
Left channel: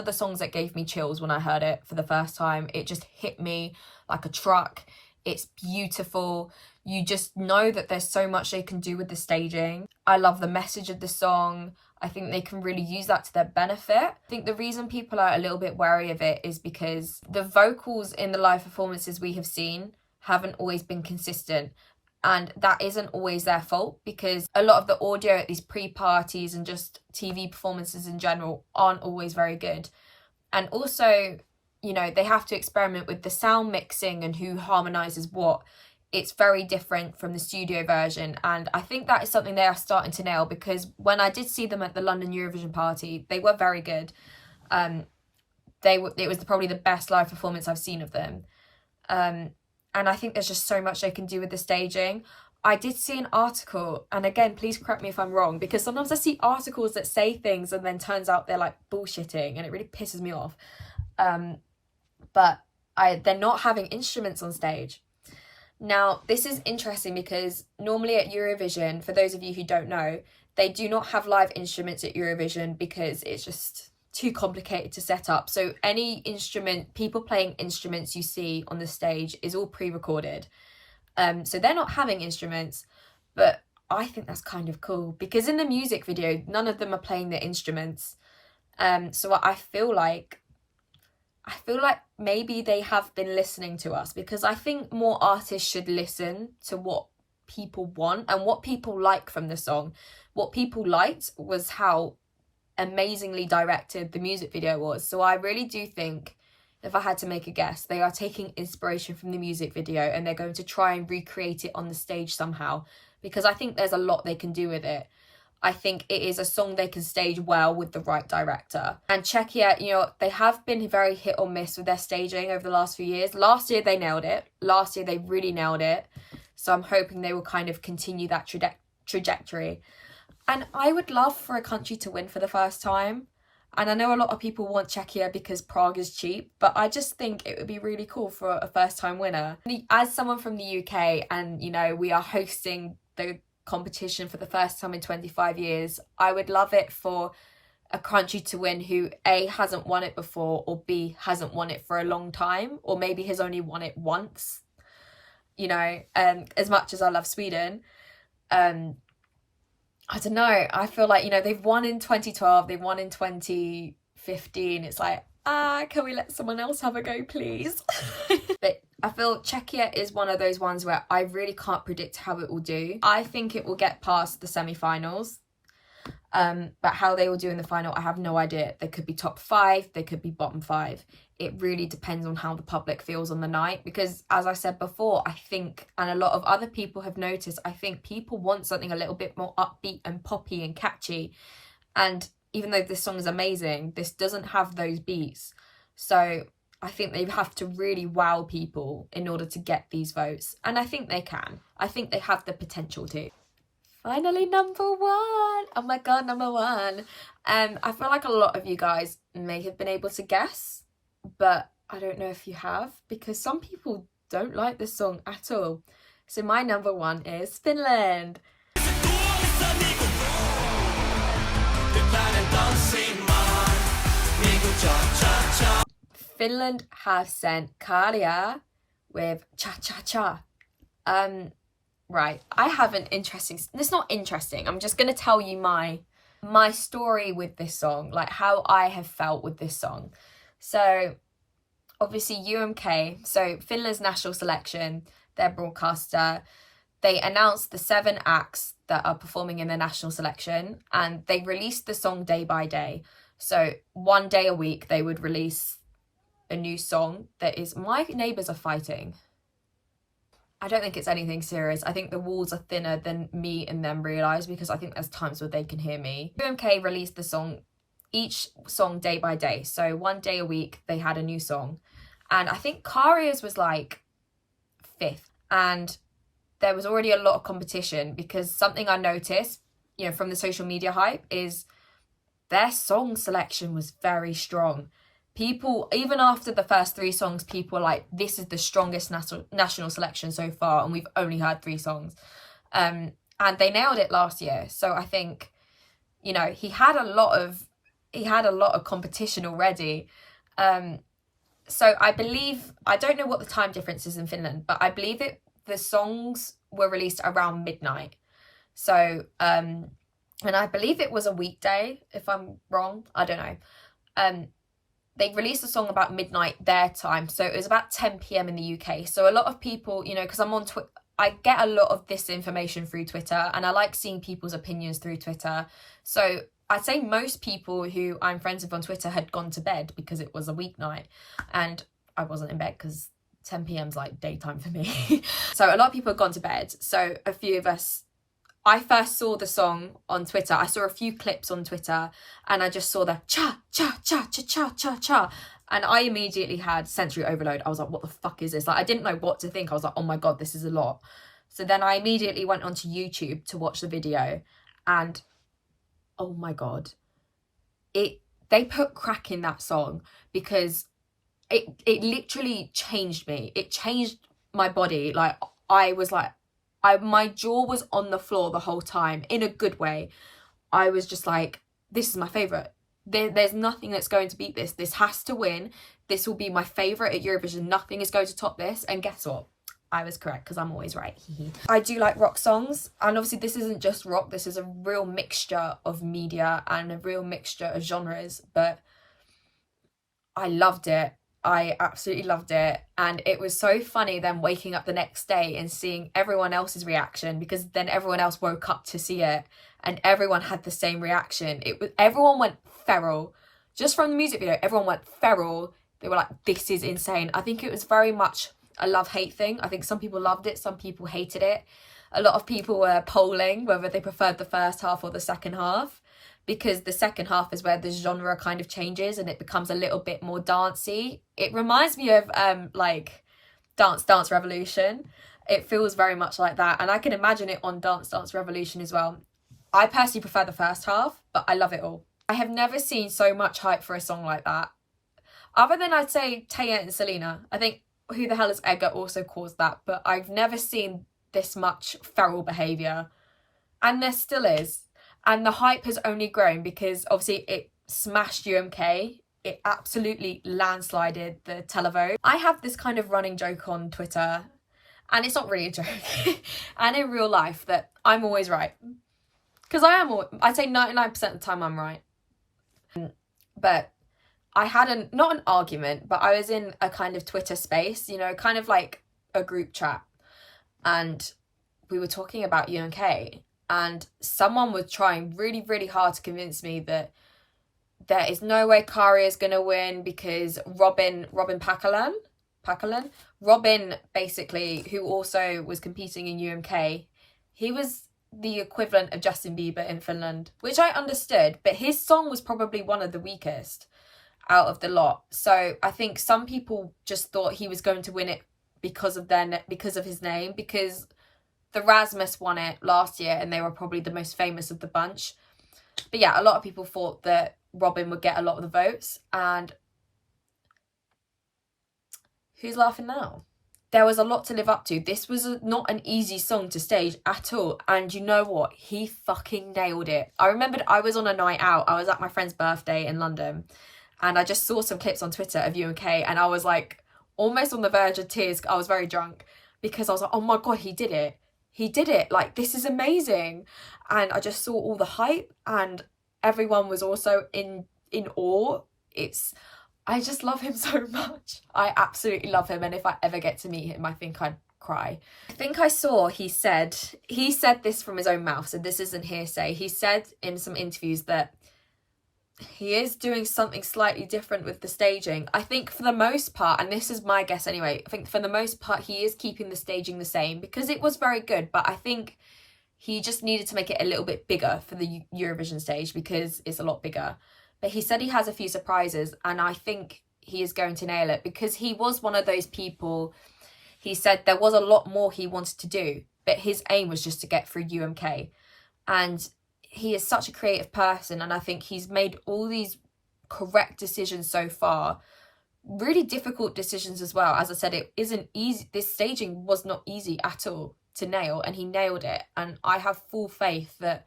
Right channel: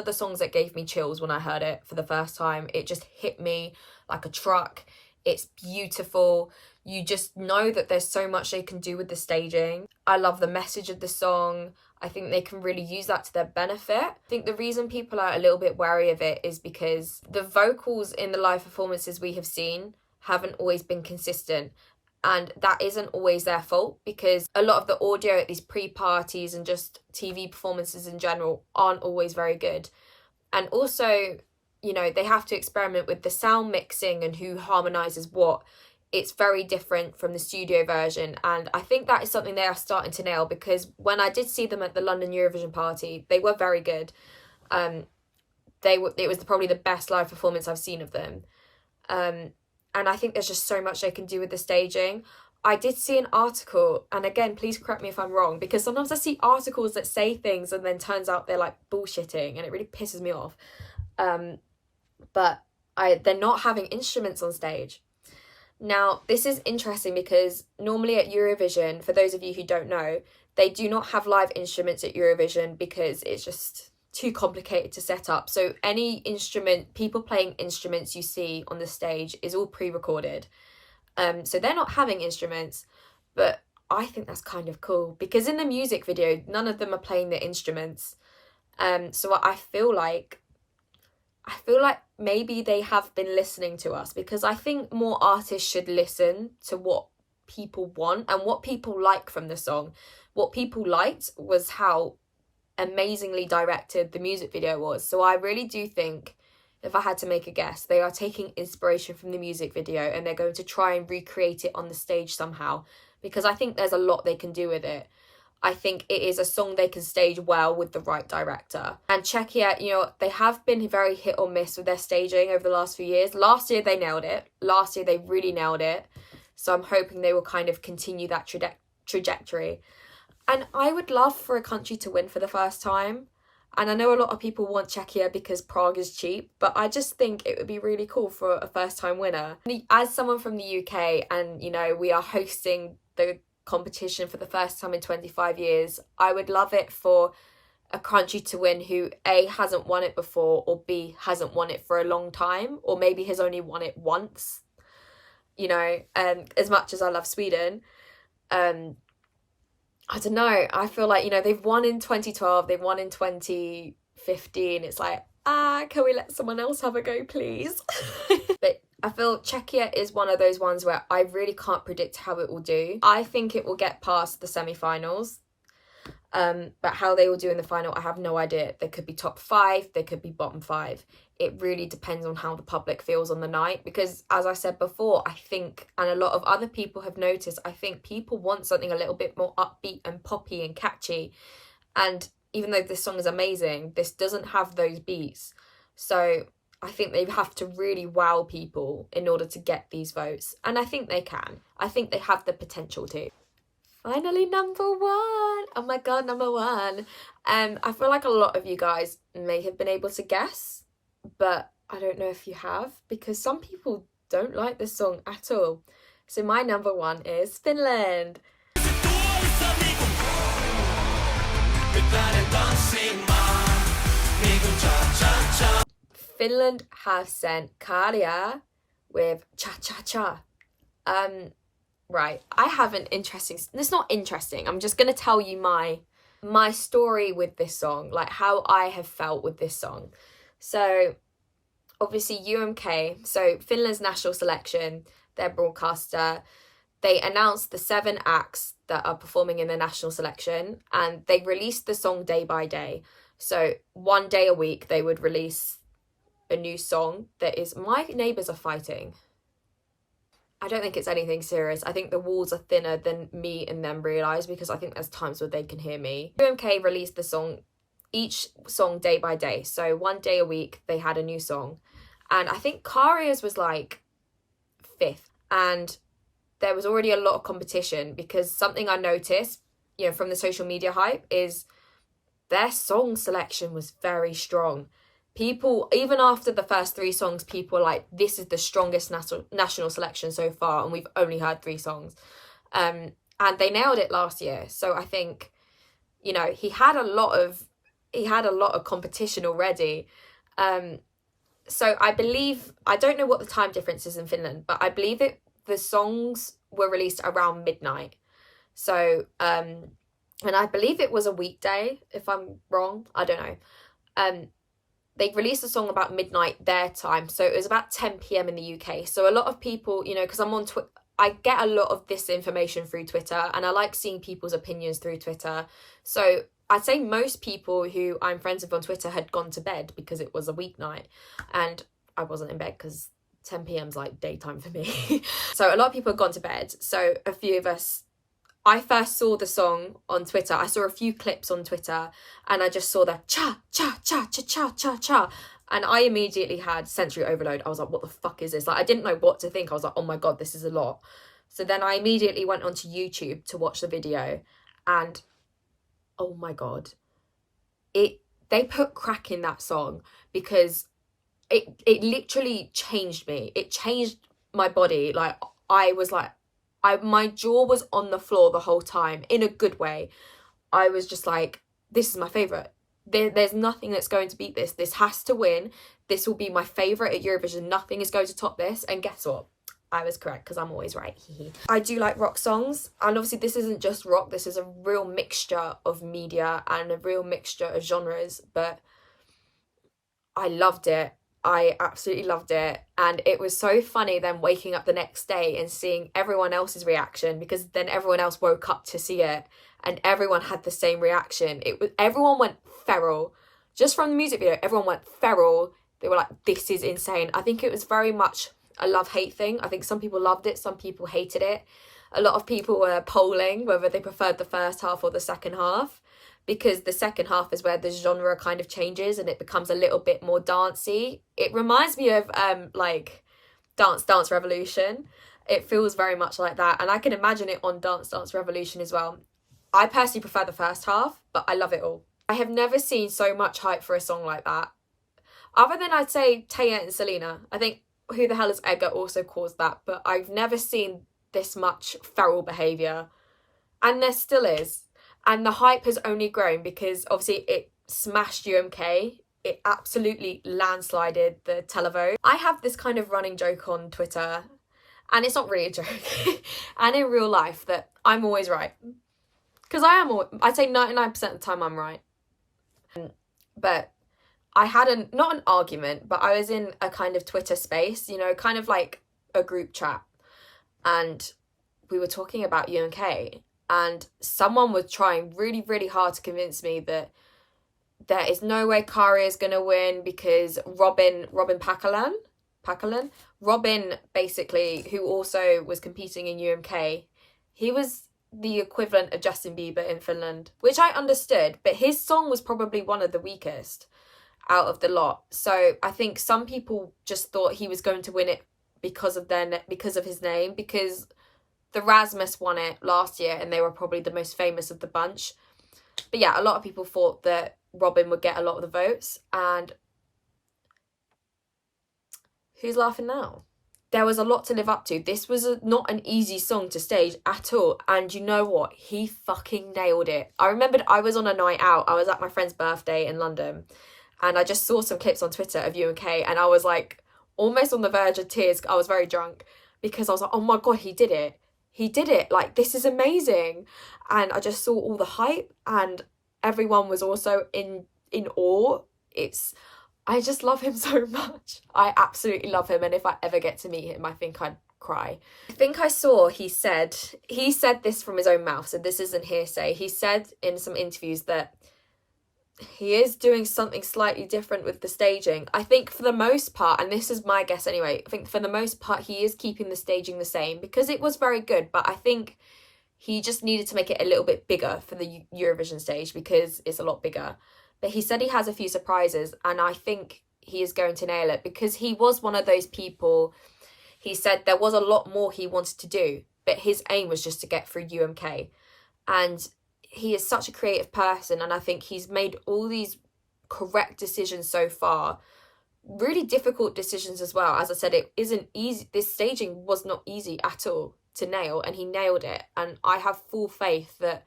the songs that gave me chills when I heard it for the first time. It just hit me like a truck. It's beautiful. You just know that there's so much they can do with the staging. I love the message of the song. I think they can really use that to their benefit. I think the reason people are a little bit wary of it is because the vocals in the live performances we have seen haven't always been consistent. And that isn't always their fault, because a lot of the audio at these pre-parties and just TV performances in general aren't always very good. And also, you know, they have to experiment with the sound mixing and who harmonizes what. It's very different from the studio version, and I think that is something they are starting to nail, because when I did see them at the London Eurovision party, they were very good. It was probably the best live performance I've seen of them. And I think there's just so much they can do with the staging. I did see an article, and again, please correct me if I'm wrong, because sometimes I see articles that say things and then turns out they're like bullshitting, and it really pisses me off. But they're not having instruments on stage. Now, this is interesting because normally at Eurovision, for those of you who don't know, they do not have live instruments at Eurovision because it's just too complicated to set up. So any instrument, people playing instruments you see on the stage is all pre-recorded. So they're not having instruments, but I think that's kind of cool, because in the music video, none of them are playing their instruments. So I feel like maybe they have been listening to us, because I think more artists should listen to what people want and what people like from the song. What people liked was how amazingly directed the music video was. So I really do think, if I had to make a guess, they are taking inspiration from the music video and they're going to try and recreate it on the stage somehow, because I think there's a lot they can do with it. I think it is a song they can stage well with the right director. And Czechia, you know, they have been very hit or miss with their staging over the last few years. Last year they nailed it. Last year they really nailed it. So I'm hoping they will kind of continue that trajectory. And I would love for a country to win for the first time. And I know a lot of people want Czechia because Prague is cheap, but I just think it would be really cool for a first time winner. As someone from the UK, and, you know, we are hosting the competition for the first time in 25 years, I would love it for a country to win who A, hasn't won it before, or B, hasn't won it for a long time, or maybe has only won it once. You know, as much as I love Sweden, I don't know, I feel like, you know, they've won in 2012, they've won in 2015, it's like, can we let someone else have a go, please? But I feel Czechia is one of those ones where I really can't predict how it will do. I think it will get past the semi-finals. But how they will do in the final, I have no idea. They could be top 5, they could be bottom 5. It really depends on how the public feels on the night. Because as I said before, I think, and a lot of other people have noticed, I think people want something a little bit more upbeat and poppy and catchy. And even though this song is amazing, this doesn't have those beats. So I think they have to really wow people in order to get these votes. And I think they can. I think they have the potential to. Finally, number 1. Oh my God, number 1. I feel like a lot of you guys may have been able to guess, but I don't know if you have, because some people don't like this song at all. So my number 1 is Finland. Finland have sent Kalia with Cha Cha Cha. Right, I have an interesting, it's not interesting, I'm just going to tell you my story with this song, like how I have felt with this song. So obviously UMK, so Finland's national selection, their broadcaster, they announced the 7 acts that are performing in the national selection, and they released the song day by day. So one day a week they would release a new song that is My Neighbours Are Fighting. I don't think it's anything serious. I think the walls are thinner than me and them realise, because I think there's times where they can hear me. UMK released the song, each song day by day. So one day a week they had a new song. And I think Karia's was like 5th. and there was already a lot of competition, because something I noticed, you know, from the social media hype is their song selection was very strong. People, even after the first 3 songs, people were like, this is the strongest national selection so far, and we've only heard 3 songs. And they nailed it last year. So I think, you know, he had a lot of competition already. So I believe, I don't know what the time difference is in Finland, but I believe the songs were released around midnight. So, and I believe it was a weekday, if I'm wrong, I don't know. They released the song about midnight their time, so it was about 10 p.m. in the UK. So a lot of people, you know, because I'm on Twitter, I get a lot of this information through Twitter, and I like seeing people's opinions through Twitter. So I'd say most people who I'm friends with on Twitter had gone to bed because it was a weeknight, and I wasn't in bed because 10 p.m. is like daytime for me. So a lot of people had gone to bed. So a few of us, I first saw the song on Twitter. I saw a few clips on Twitter, and I just saw the cha, cha, cha, cha, cha, cha, cha. And I immediately had sensory overload. I was like, what the fuck is this? Like, I didn't know what to think. I was like, oh my God, this is a lot. So then I immediately went onto YouTube to watch the video, and oh my God, they put crack in that song, because it literally changed me. It changed my body. Like, I was like, my jaw was on the floor the whole time, in a good way. I was just like, this is my favourite. There's nothing that's going to beat this. This has to win. This will be my favourite at Eurovision. Nothing is going to top this. And guess what? I was correct, because I'm always right. I do like rock songs. And obviously this isn't just rock. This is a real mixture of media and a real mixture of genres. But I loved it. I absolutely loved it. And it was so funny then waking up the next day and seeing everyone else's reaction, because then everyone else woke up to see it and everyone had the same reaction. Everyone went feral. Just from the music video, everyone went feral. They were like, this is insane. I think it was very much a love-hate thing. I think some people loved it, some people hated it. A lot of people were polling whether they preferred the first half or the second half, because the second half is where the genre kind of changes and it becomes a little bit more dancey. It reminds me of like Dance Dance Revolution. It feels very much like that, and I can imagine it on Dance Dance Revolution as well. I personally prefer the first half, but I love it all. I have never seen so much hype for a song like that. Other than, I'd say, Taya and Selena. I think Who the Hell is Edgar also caused that, but I've never seen this much feral behaviour. And there still is. And the hype has only grown because obviously it smashed UMK. It absolutely landslided the televote. I have this kind of running joke on Twitter, and it's not really a joke, and in real life, that I'm always right. Because I'd say 99% of the time I'm right. But I had not an argument, but I was in a kind of Twitter space, you know, kind of like a group chat. And we were talking about UMK, and someone was trying really, really hard to convince me that there is no way Kari is going to win because Robin Pakalan, Robin, basically, who also was competing in UMK, he was the equivalent of Justin Bieber in Finland, which I understood, but his song was probably one of the weakest out of the lot. So I think some people just thought he was going to win it because of his name, because the Rasmus won it last year and they were probably the most famous of the bunch. But yeah, a lot of people thought that Robin would get a lot of the votes. And who's laughing now? There was a lot to live up to. This was not an easy song to stage at all. And you know what? He fucking nailed it. I remembered I was on a night out. I was at my friend's birthday in London. And I just saw some clips on Twitter of UMK. And I was like almost on the verge of tears. I was very drunk because I was like, oh my God, he did it. He did it. Like, this is amazing. And I just saw all the hype. And everyone was also in awe. I just love him so much. I absolutely love him. And if I ever get to meet him, I think I'd cry. I think I saw he said this from his own mouth, so this isn't hearsay. He said in some interviews that he is doing something slightly different with the staging. I think for the most part, and this is my guess anyway, I think for the most part he is keeping the staging the same because it was very good, but I think he just needed to make it a little bit bigger for the Eurovision stage because it's a lot bigger. But he said he has a few surprises, and I think he is going to nail it because he was one of those people. he said there was a lot more he wanted to do, but his aim was just to get through UMK. And he is such a creative person, and I think he's made all these correct decisions so far. Really difficult decisions as well. As I said, it isn't easy. This staging was not easy at all to nail, and he nailed it. And I have full faith that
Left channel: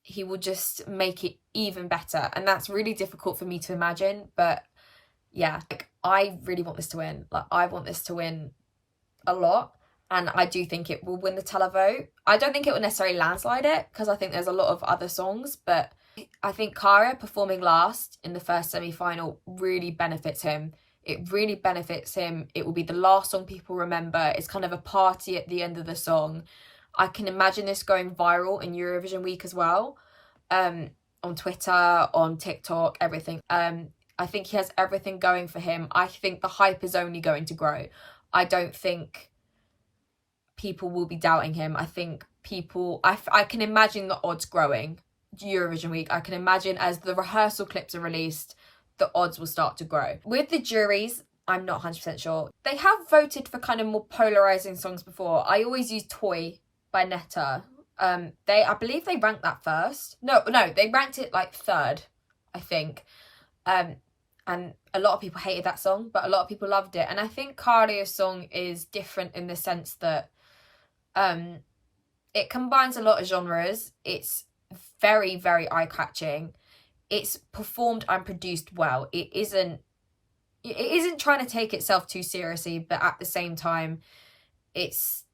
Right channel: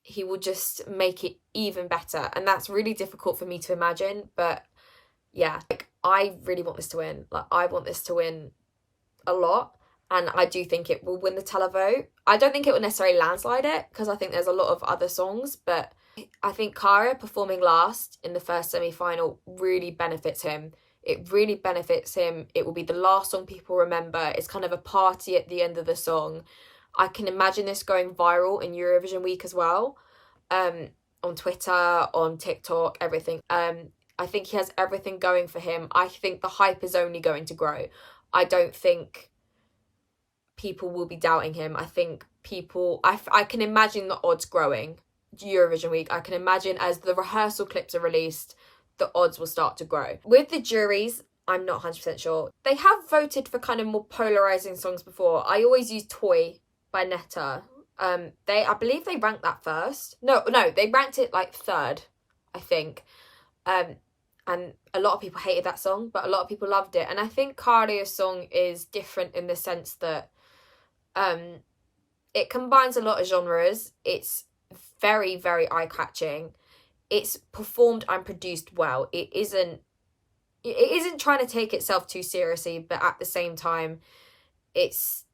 he will just make it even better. And that's really difficult for me to imagine. But yeah, like, I really want this to win. Like, I want this to win a lot. And I do think it will win the televote. I don't think it will necessarily landslide it, because I think there's a lot of other songs. But I think Kara performing last in the first semi-final really benefits him. It really benefits him. It will be the last song people remember. It's kind of a party at the end of the song. I can imagine this going viral in Eurovision week as well. On Twitter, on TikTok, everything. I think he has everything going for him. I think the hype is only going to grow. I don't think people will be doubting him. I think people... I can imagine the odds growing. Eurovision week, I can imagine as the rehearsal clips are released, the odds will start to grow. With the juries, I'm not 100% sure. They have voted for kind of more polarizing songs before. I always use Toy by Netta. I believe they ranked that first. No, they ranked it like third, I think. And a lot of people hated that song, but a lot of people loved it. And I think Karia's song is different in the sense that it combines a lot of genres. It's very, very eye-catching. It's performed and produced well. It isn't trying to take itself too seriously, but at the same time, it's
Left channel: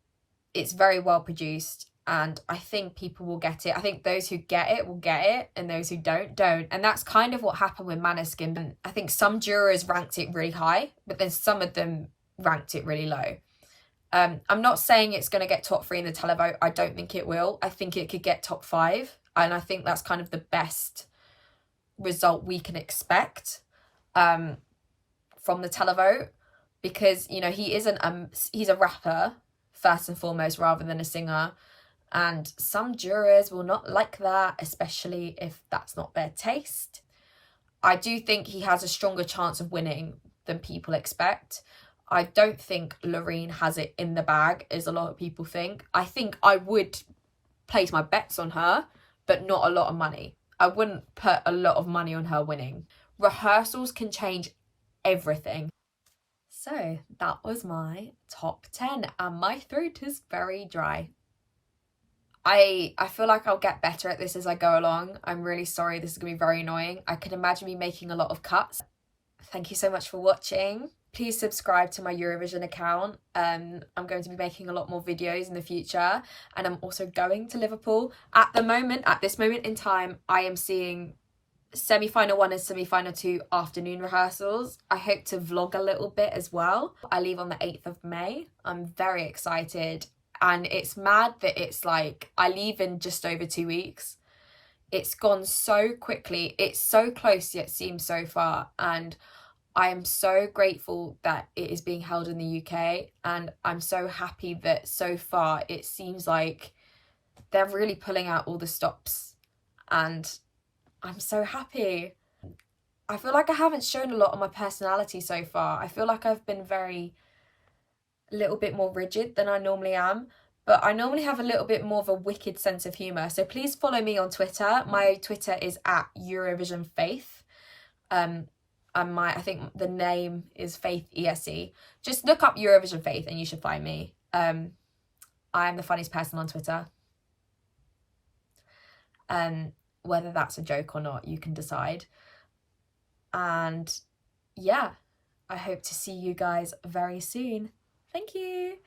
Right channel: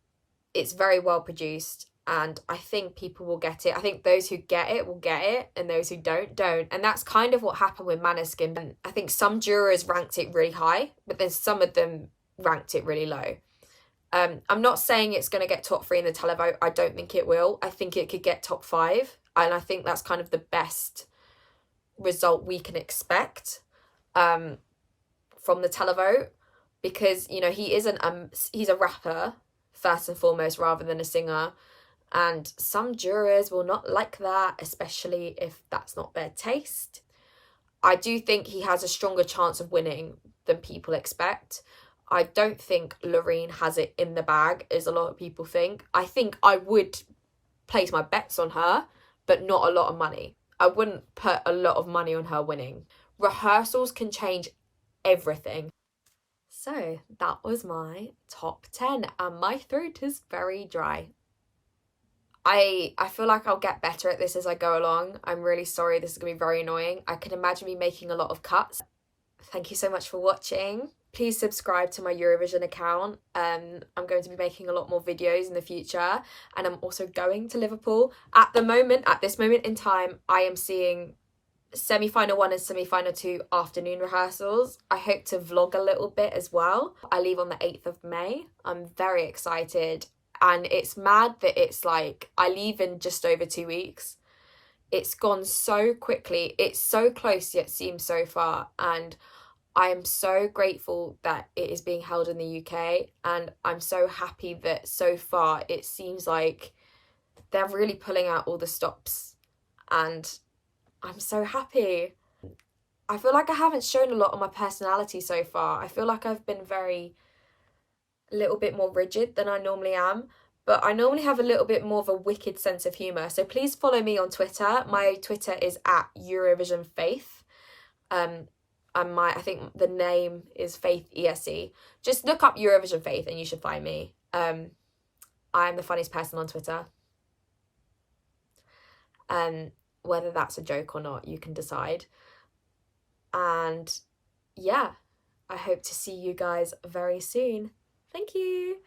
very well produced, and I think people will get it. I think those who get it will get it, and those who don't. And that's kind of what happened with Maneskin. I think some jurors ranked it really high, but then some of them ranked it really low. I'm not saying it's going to get top 3 in the televote. I don't think it will. I think it could get top 5. And I think that's kind of the best result we can expect from the televote, because, you know, he's a rapper first and foremost rather than a singer, and some jurors will not like that, especially if that's not their taste. I do think he has a stronger chance of winning than people expect. I don't think Loreen has it in the bag, as a lot of people think. I think I would place my bets on her, but not a lot of money. I wouldn't put a lot of money on her winning. Rehearsals can change everything. So that was my top 10, and my throat is very dry. I feel like I'll get better at this as I go along. I'm really sorry, this is going to be very annoying. I can imagine me making a lot of cuts. Thank you so much for watching. Please subscribe to my Eurovision account. I'm going to be making a lot more videos in the future, and I'm also going to Liverpool. At this moment in time, I am seeing semi-final 1 and semi-final 2 afternoon rehearsals. I hope to vlog a little bit as well. I leave on the 8th of May. I'm very excited, and it's mad that it's like I leave in just over 2 weeks. It's gone so quickly. It's so close yet seems so far, and I am so grateful that it is being held in the UK, and I'm so happy that so far it seems like they're really pulling out all the stops, and I'm so happy. I feel like I haven't shown a lot of my personality so far. I feel like I've been a little bit more rigid than I normally am, but I normally have a little bit more of a wicked sense of humour. So please follow me on Twitter. My Twitter is @EurovisionFaith. I think the name is Faith ESE. Just look up Eurovision Faith and you should find me. I'm the funniest person on Twitter. Whether that's a joke or not, you can decide. And yeah, I hope to see you guys very soon. Thank you.